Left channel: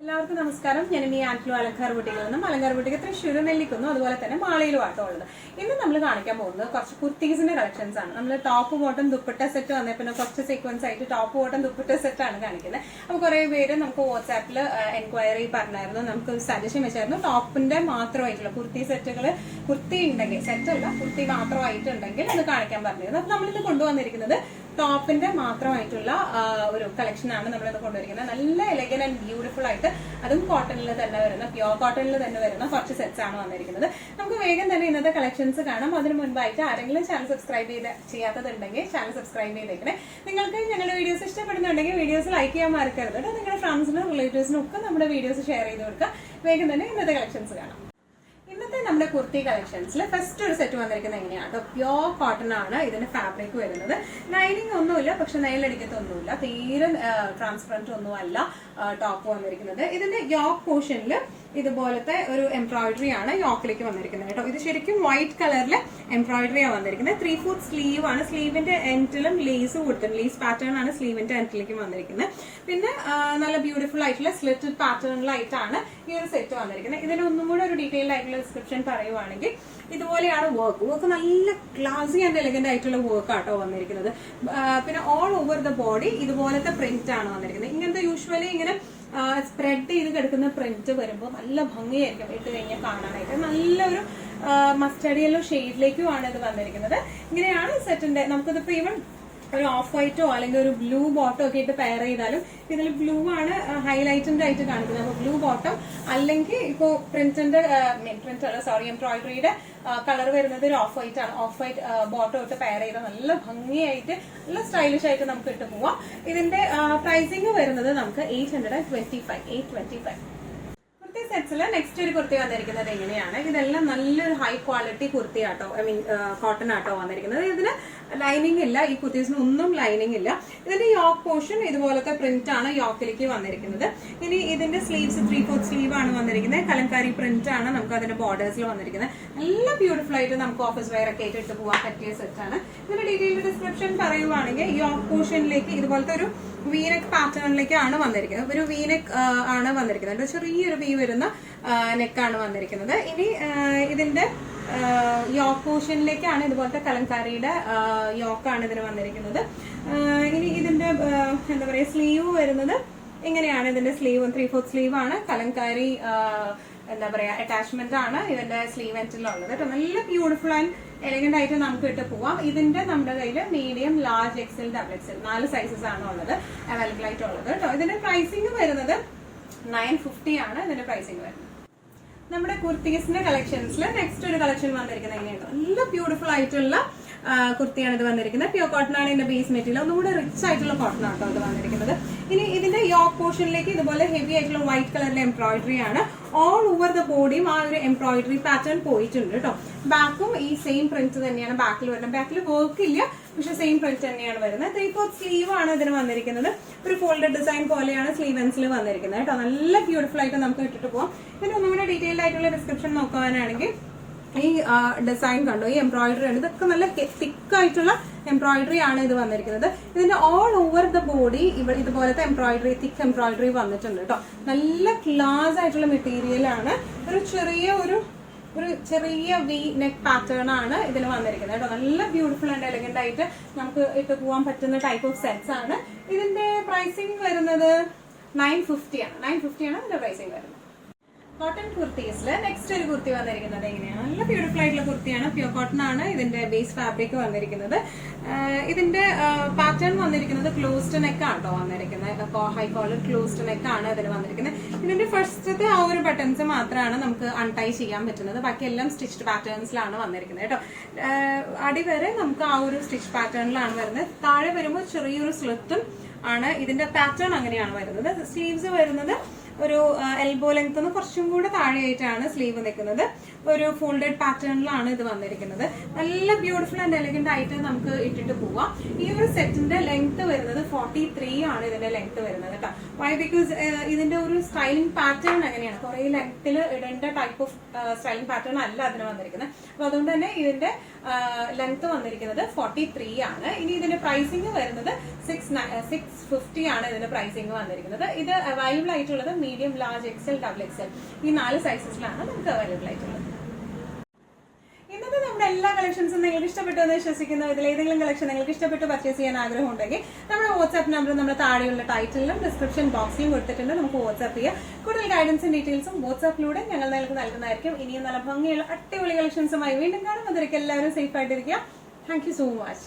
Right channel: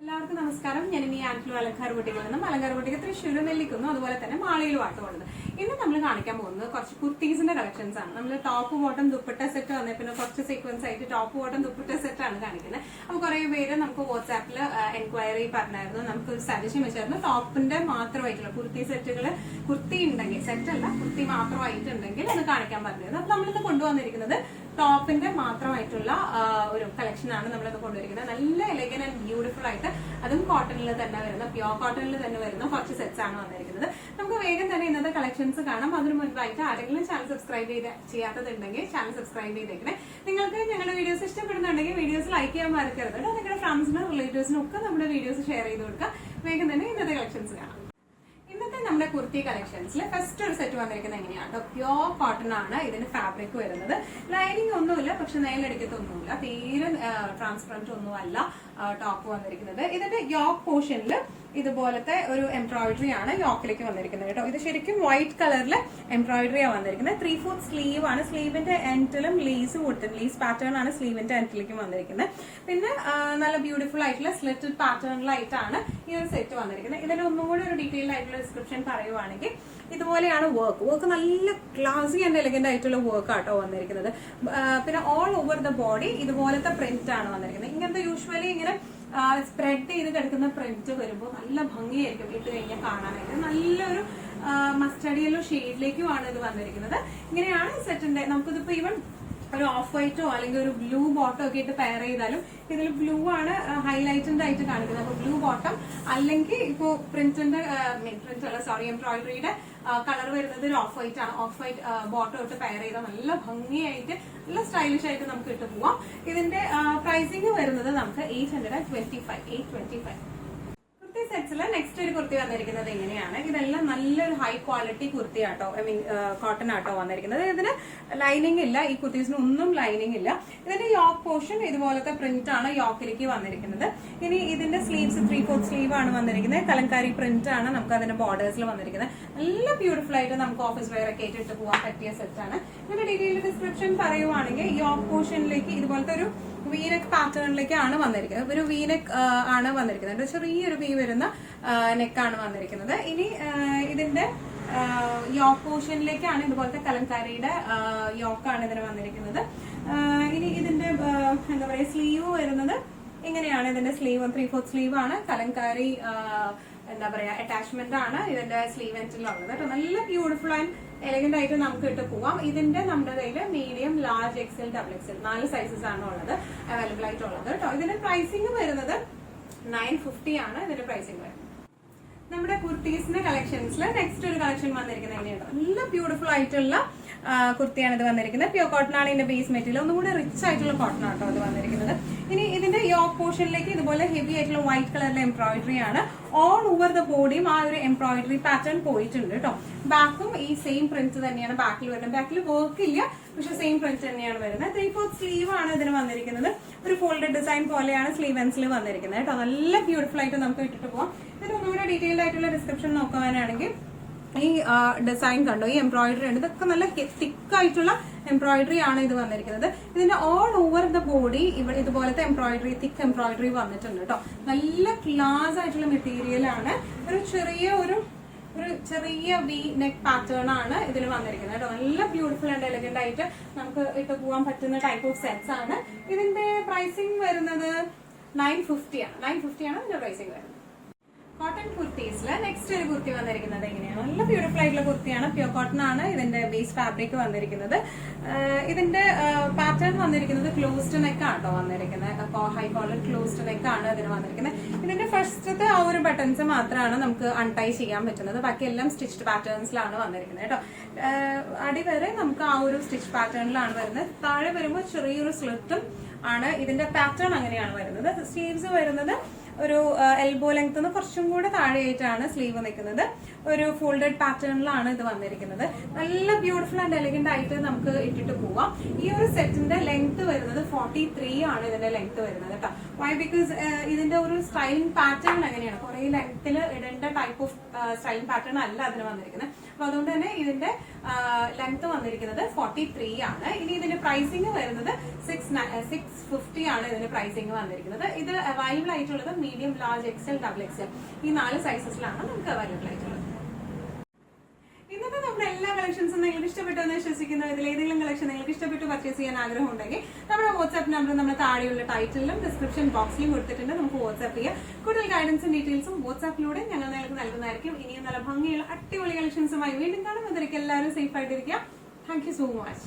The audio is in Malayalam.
എല്ലാവർക്കും നമസ്കാരം. ഞാൻ ഇനി ആന്റിലോ അലങ്കാർ ബുട്ടിക്കിൽ നിന്നും അലങ്കാർ ബുട്ടിക്ക് തൃശ്ശൂർ നെല്ലിക്കുന്നു അതുപോലെ തന്നെ മാളയിലുമാട്ടോ ഉള്ളത്. ഇന്ന് നമ്മൾ കാണിക്കാൻ പോകുന്നത് കുറച്ച് കുർത്തീസിന്റെ കളക്ഷൻസ് ആണ്. നമ്മൾ ടോപ്പ് ബോട്ടം ദുപ്പട്ട സെറ്റ് വന്നേ പിന്നെ കുറച്ച് സീക്വൻസ് ആയിട്ട് ടോപ്പ് ബോട്ടം ദുപ്പട്ട സെറ്റ് ആണ് കാണിക്കുന്നത്. അപ്പോൾ കുറെ പേര് നമുക്ക് വാട്സാപ്പിൽ എൻക്വയറി പറഞ്ഞായിരുന്നു, നമുക്ക് സജഷൻ വെച്ചായിരുന്നു ടോപ്പിന്റെ മാത്രമായിട്ടുള്ള കുർത്തി സെറ്റുകൾ, കുർത്തി ഉണ്ടെങ്കിൽ സെറ്റ് അല്ല കുർത്തി മാത്രമായിട്ടുണ്ടെങ്കിൽ അത് കാണിക്കാൻ പറഞ്ഞിരുന്നു. അപ്പൊ നമ്മളിത് കൊണ്ടുവന്നിരിക്കുന്നത് ടോപ്പിന്റെ മാത്രമായിട്ടുള്ള ഒരു കളക്ഷൻ ആണ് നമ്മളിത് കൊണ്ടുവരിക്കുന്നത്. നല്ല എലഗൻ ആൻഡ് ബ്യൂട്ടിഫുൾ ആയിട്ട്, അതും കോട്ടണിൽ തന്നെ വരുന്ന പ്യോർ കോട്ടണിൽ തന്നെ വരുന്ന കുറച്ച് സെറ്റ്സ് ആണ് വന്നിരിക്കുന്നത്. നമുക്ക് വേഗം തന്നെ ഇന്നത്തെ കളക്ഷൻസ് കാണാം. അതിന് മുൻപായിട്ട് ആരെങ്കിലും ചാനൽ സബ്സ്ക്രൈബ് ചെയ്യാത്തതുണ്ടെങ്കിൽ ചാനൽ സബ്സ്ക്രൈബ് ചെയ്തേക്കണേ. നിങ്ങൾക്ക് ഞങ്ങളുടെ വീഡിയോസ് ഇഷ്ടപ്പെടുന്നുണ്ടെങ്കിൽ വീഡിയോസ് ലൈക്ക് ചെയ്യാൻ മറക്കരുത് കേട്ടോ. നിങ്ങളുടെ ഫ്രണ്ട്സിനും റിലേറ്റീവ്സിനും ഒക്കെ നമ്മുടെ വീഡിയോസ് ഷെയർ ചെയ്ത് കൊടുക്കുക. വേഗം തന്നെ ഇന്നത്തെ കളക്ഷൻസ് കാണാം. ഇന്നത്തെ നമ്മുടെ കുർത്തി കളക്ഷൻസിൽ ഫസ്റ്റ് ഒരു സെറ്റ് വന്നിരിക്കുന്നത് എങ്ങനെയാണ്? പ്യോർ കോട്ടൺ ആണ് ഇതിന്റെ ഫാബ്രിക് വരുന്നത്. ലൈനിങ് ഒന്നുമില്ല, പക്ഷെ നെയിലടിക്കത്തൊന്നുമില്ല, തീരെ ട്രാൻസ്പെറന്റ് ഒന്നും അല്ല ടോപ്പ് വന്നിരിക്കുന്നത്. ഇതിന്റെ യോക്ക് പോർഷനിൽ ഇതുപോലത്തെ ഒരു എംബ്രോയിഡറി ആണ് യോക്കിലേക്ക് വന്നിരിക്കുന്നത് കേട്ടോ. ഇത് ശരിക്കും വൈറ്റ് കളറിൽ എംബ്രോയിഡറിയാണ് വന്നിരിക്കുന്നത്. 3/4 സ്ലീവ് ആണ്. സ്ലീവിന്റെ എൻഡിലും ലേസ് കൊടുത്തിട്ടുണ്ട്. ലേസ് പാറ്റേൺ ആണ് സ്ലീവിന്റെ എൻഡിലേക്കും വന്നിരിക്കുന്നത്. പിന്നെ നല്ല ബ്യൂട്ടിഫുൾ ആയിട്ടുള്ള സ്ലിറ്റഡ് പാറ്റേണിലായിട്ടാണ് ഈ ഒരു സെറ്റ് വന്നിരിക്കുന്നത്. ഇതിന് ഒന്നും കൂടെ ഒരു ഡീറ്റെയിൽഡ് ആയിട്ടുള്ള ഡിസ്ക്രിപ്ഷൻ പറയുവാണെങ്കിൽ ഇതുപോലെയാണ് വർക്ക് നല്ല ക്ലാസി ആൻഡ് എലഗന്റ് ആയിട്ടുള്ള വർക്ക് ആട്ടോ വന്നിരിക്കുന്നത്. പിന്നെ ഓൾ ഓവർ ദ ബോഡി ഇതുപോലത്തെ പ്രിന്റ് ആണ് വന്നിരിക്കുന്നത്. ഇങ്ങനത്തെ യൂഷ്വലി ഇങ്ങനെ സ്പ്രെഡ് ചെയ്ത് കിടക്കുന്ന പ്രിന്റ് വരുമ്പോൾ നല്ല ഭംഗിയായിരിക്കും ഇട്ട് കഴിഞ്ഞാൽ കാണാനായിട്ട്. നല്ലൊരു മസ്റ്റർഡ് യെല്ലോ ഷെയ്ഡിലേക്കുമാണ് ഇത് വന്നിരിക്കുന്നത്. ഇങ്ങനെയാണ് ഈ സെറ്റിന്റെ. നമുക്കിതിപ്പോ ഈവൻ ഒരു ഓഫ് വൈറ്റോ അല്ലെങ്കിൽ ഒരു ബ്ലൂ ബോട്ടോ ഒക്കെ ഇട്ട് പെയർ ചെയ്താലും ഇതിൽ ബ്ലൂ ആണ് ഹൈലൈറ്റഡ് ആയിട്ട് കാണിക്കുന്നത്. ബ്ലൂ ബോട്ടം അല്ലെങ്കിൽ ഇപ്പോ പ്രിന്റിന്റെ എംബ്രോയിഡറിയുടെ കളർ വരുന്നത് ഒരു ഓഫ് വൈറ്റ് ആണ്. ഓഫ് വൈറ്റ് ബോട്ടോ ഇട്ട് പെയർ ചെയ്താൽ നല്ല ഭംഗിയായിട്ട് നല്ല സ്റ്റൈലിഷ് ആയിട്ട് നമുക്ക് ഇട്ട് പോവാം. ഇതിന്റെ പ്രൈസിംഗ് വരുന്നത് നമുക്ക് 825. സെറ്റ്സില് നെക്സ്റ്റ് ഒരു കുർത്തി വന്നിരിക്കുന്നത് എങ്ങനെയാണ്? ഇതെല്ലാം നല്ലൊരു ഹൈ ക്വാളിറ്റി കുർത്തി ആട്ടോ, ഐ മീൻ കോട്ടൺ ആട്ടോ വന്നിരിക്കുന്നത്. ഇതിന് ലൈനിങ് ഇല്ല, ഈ കുർത്തീസിന് ഒന്നും ലൈനിങ് ഇല്ല. ഇതിന്റെ യോക്ക് പോർഷൻ ഇതുപോലത്തെ പ്രിന്റ് ആണ് യോക്കിലേക്ക് വന്നിരിക്കുന്നത്. ഇനി ഇതിന്റെ സ്ലീവ്സ് 3/4 സ്ലീവ് ആണ് വന്നിരിക്കുന്നത്. കലങ്കാരി പ്രിന്റ് ആണ് നമുക്ക് അതിന്റെ ബോർഡേഴ്സിൽ വന്നിരിക്കുന്നത്. നല്ല ബ്യൂട്ടിഫുൾ ആയിട്ട് നമുക്ക് ഓഫീസ് വെയർ ഒക്കെ ആയിട്ട് ഇട്ട് പോകാൻ പറ്റിയ സെറ്റ് ആണ്. ഇതിന്റെ ഡീറ്റെയിൽഡ് ഡിസ്ക്രിപ്ഷൻ പറയുവാണെങ്കിൽ യോക്ക് പോർഷനിലേക്ക് ഇതുപോലത്തെ ഒരു വീനെക്ക് പാറ്റേണിലേക്കാണ് വന്നിരിക്കുന്നത്. ഒരു വീനെക്ക് ആണ് വന്നിരിക്കുന്നത്. ചെറിയൊരു വി വരുന്ന നെക്കാണ് വന്നിരിക്കുന്നത്. ഇനി ഇതിന്റെ യോക്ക് പോർഷനിലേക്കാണ് ഇതുപോലത്തെ കലങ്കാരിയുടെ യോക്കാണ് ഇതിന് വന്നിരിക്കുന്നത്. ഇനി ഇതിന്റെ എന്താ പറയാ സ്ലീവ് വരുന്നത് ഇങ്ങനെയാണ്. ഇതിന്റെ സ്ലീവ് 3/4 സ്ലീവ് ആണ്. കലങ്കാരി എന്താ പറയാ അറ്റാച്ച്മെന്റ് ആണ് ഇതിന്റെ സ്ലീവ് എൻഡിലുള്ളത്. നല്ല ബ്യൂട്ടിഫുൾ ആൻഡ് എലഗന്റ് ആയിട്ട് നമുക്ക് ഇട്ട് പോവാം. ഇതിന്റെ നമ്മുടെ കയ്യിൽ medium, large, XL, double XL 4 sizes ആണ് ഉള്ളത് അവൈലബിൾ ആയിട്ടുള്ളത് കേട്ടോ. ഇതിന്റെ പ്രൈസിംഗ് വരുന്നത് 950 ആണ് ഇതിന്റെ പ്രൈസിംഗ് വരുന്നത്. നമ്മുടെ കുർത്തീസിന്റെ കളക്ഷൻസിൽ നെക്സ്റ്റ് ഒരു കളക്ഷൻ വന്നിരിക്കുന്നത് എങ്ങനെയാണ്? നല്ല ബ്യൂട്ടിഫുൾ ആയിട്ടുള്ള കുർത്തിയാണ് ഇത് വന്നിരിക്കുന്നത്. പ്യൂർ കോട്ടൺ ആണ് ഇതിന്റെ ബേസ് മെറ്റീരിയൽ. ഒന്നും കൂടെ റിച്ച് ആയിട്ടുള്ള കോട്ടൺ ആട്ടോ ഇത് വന്നിരിക്കുന്നത്. ഇനി ഇതിന്റെ യോക്ക് പോർഷനിലേക്ക് ഇതുപോലെ ഹെവി ആയിട്ടുള്ള വൈറ്റ് കളറിലെ എംബ്രോയിഡറി ആണ്. ഓൾ ഓവർ ദ ബോഡിയും ആ ഒരു എംബ്രോയിഡറി പാറ്റേൺ പോയിട്ടുണ്ട് കേട്ടോ. ബാക്കും ഈ സെയിം പ്രിന്റ് തന്നെയാണ് ബാക്കിൽ വരുന്നത്. ബാക്കിൽ വർക്ക് ഇല്ല, പക്ഷെ സെയിം പ്രിന്റ് തന്നെയാണ് വരുന്നത്. 3/4 സ്ലീവ് ആണ് ഇതിന് വന്നിരിക്കുന്നത്. ഒരു ഫോൾഡഡ് ഡിസൈൻ പോലെയാണ് സ്ലീവ് എൻസിൽ വന്നിരിക്കുന്നത് കേട്ടോ. നല്ല ബ്യൂട്ടിഫുൾ ആയിട്ട് നമുക്ക് ഇട്ടിട്ട് പോകാം. ഇതിന് ഒന്നുകൂടെ ഡീറ്റെയിൽഡ് ആയിട്ടുള്ള ഡിസ്ക്രിപ്ഷൻ നോക്കാനാണെങ്കിൽ ഈ ഡിസൈൻ കണ്ടോ, ഈ എംബ്രോയിഡറി ആണ്. ഇതൊക്കെ നല്ല തിക്ക് ആയിട്ടുള്ള എംബ്രോയിഡറി ആണ് ഇത് വന്നിരിക്കുന്നത്. ഇതിന്റെ ഓൾ ഓവർ ദ ബോഡി ഇവിടെ ഇതുപോലത്തെ എംബ്രോയിഡറി, തിക്ക് എംബ്രോയിഡറി വന്നിട്ടുണ്ട് കേട്ടോ. നല്ല ക്ലാസ് ആയിട്ടുള്ള മെറ്റീരിയൽ ആണ്. ഒരു ചെറിയ വി നെക്ക് പാറ്റേൺ ആണ് ഇതിന് വന്നിരിക്കുന്നത് കേട്ടോ. നല്ല ബ്യൂട്ടിഫുൾ ആൻഡ് എലഗന്റ് ആയിട്ട് നമുക്ക് ഇട്ട് പോകാൻ പറ്റുന്ന ടൈപ്പ് ഓഫ് സെറ്റ്സ് ആണ്. ഇതിന്റെ പ്രൈസിംഗ് വരുന്നത് 950 ആണ്. 950 ആണ് ഇതിന്റെ പ്രൈസിംഗ് വരുന്നത്. കോട്ടൺ കുർത്തീസിൽ നെക്സ്റ്റ് ഒരു കുർത്തി വന്നിരിക്കുന്നത് എങ്ങനെയാണ്? നല്ല ബ്യൂട്ടിഫുൾ ആയിട്ടുള്ള കുർത്തിയാണ്. പ്യൂർ കോട്ടൺ ആണ് ഇതിന്റെ ബേസ് ഫാബ്രിക് വന്നിരിക്കുന്നത്. ഇതിന്റെ പാറ്റേൺ വന്നിരിക്കുന്നത് ക്ലോസ്ഡ് നെക്ക് ആട്ടോ വന്നിരിക്കുന്നത്. ഹൈ കോളർ ക്ലോസ്ഡ് നെക്ക് ആണ് ഇതിന് വന്നിരിക്കുന്നത്. ഇതിന്റെ ഫസ്റ്റത്തെ ആ ഒരു ബട്ടൺസ് മാത്രമാണ് നമുക്ക് അൺടൈ ചെയ്യാൻ പറ്റുന്നത്. ബാക്കി എല്ലാം സ്റ്റിച്ച്ഡ് പാറ്റേൺസിലാണ് വന്നിരിക്കുന്നത് കേട്ടോ. അടിവരെ നമുക്ക് ആ ഒരു സ്റ്റിച്ച് പാറ്റേണിലാണ് വരുന്നത്. താഴെ വരുമ്പോൾ ചെറിയൊരു സ്ലിറ്റും ആണ്. ഇതിന്റെ പാറ്റേൺ അങ്ങനെയാണ് വരുന്നത്. സ്ലീവ്സ് വരുന്നത് ഒരു എൽബോ ലെങ്ത് കുറച്ചും കൂടി താഴെയായിട്ടാണ് സ്ലീവ് നിൽക്കുന്നത്. ഒരു ഫോൾഡഡ് പാറ്റേണിലാണ് ഇത് വന്നിരിക്കുന്നത്. നല്ല ബ്യൂട്ടിഫുൾ ആൻഡ് എലഗന്റ് ആയിട്ട് നമുക്ക് ഇട്ടിട്ട് പോവാം. ഈ ഒരു സെറ്റിന്റെ ലെങ്ത് വരുന്നത് 43 ആണ് ഇതിന്റെ ലെങ്ത് വരുന്നത് കേട്ടോ. വൈ? ബിക്കോസ് ഇതിന്റെ ഒരു സ്റ്റൈലിംഗ് പാറ്റേൺ അങ്ങനെയാണ്. കുറെ ലെങ്ത്തിൽ ഇടേണ്ട ടൈപ്പ് ഓഫ് സ്റ്റൈലിംഗ് പാറ്റേൺ അല്ല അതിന് വന്നിരിക്കുന്നത്. അപ്പൊ അതുകൊണ്ട് തന്നെ ഇതിന്റെ ലെങ്ത് വന്നിരിക്കുന്നത് 43 ആണ്. ഇനി ഇതിന്റെ പ്രൈസിംഗ് വരുന്നത് 650 ആണ് ഇതിന്റെ പ്രൈസിംഗ് വന്നിരിക്കുന്നത്. ഇത് അവൈലബിൾ ആയിട്ടുള്ളത് medium, large, XL, double XL ഈ 4 സൈസസിലാണ് നമുക്ക് അവൈലബിൾ ആയിട്ടുള്ളത്. ഇന്നത്തെ നമ്മുടെ എല്ലാ കളക്ഷൻസും നിങ്ങൾക്ക് ഇഷ്ടപ്പെട്ടു എന്ന് വിശ്വസിക്കുന്നു. ഇതിൽ ഏതെങ്കിലും കളക്ഷൻ നിങ്ങൾക്ക് ഇഷ്ടപ്പെട്ട് പർച്ചേസ് ചെയ്യാൻ ആഗ്രഹം ഉണ്ടെങ്കിൽ നമ്മുടെ വാട്സ്ആപ്പ് നമ്പർ നമ്മൾ താഴെയുള്ള ടൈറ്റിലും ഡിസ്ക്രിപ്ഷൻ ബോക്സിലും കൊടുത്തിട്ടുണ്ട്. നമുക്ക് വാട്സ്ആപ്പ് ചെയ്യാം. കൂടുതൽ ഗൈഡൻസും ഡീറ്റെയിൽസും വാട്സ്ആപ്പിലൂടെ ഞങ്ങൾ നിങ്ങൾക്ക് നൽകുന്നതായിരിക്കും. ഇനിയും നല്ല ഭംഗിയുള്ള അടിപൊളി കളക്ഷൻസുമായി വീണ്ടും കാണും. അതിലേക്ക് എല്ലാവരും സേഫ് ആയിട്ടിരിക്കുക. Thank you so much.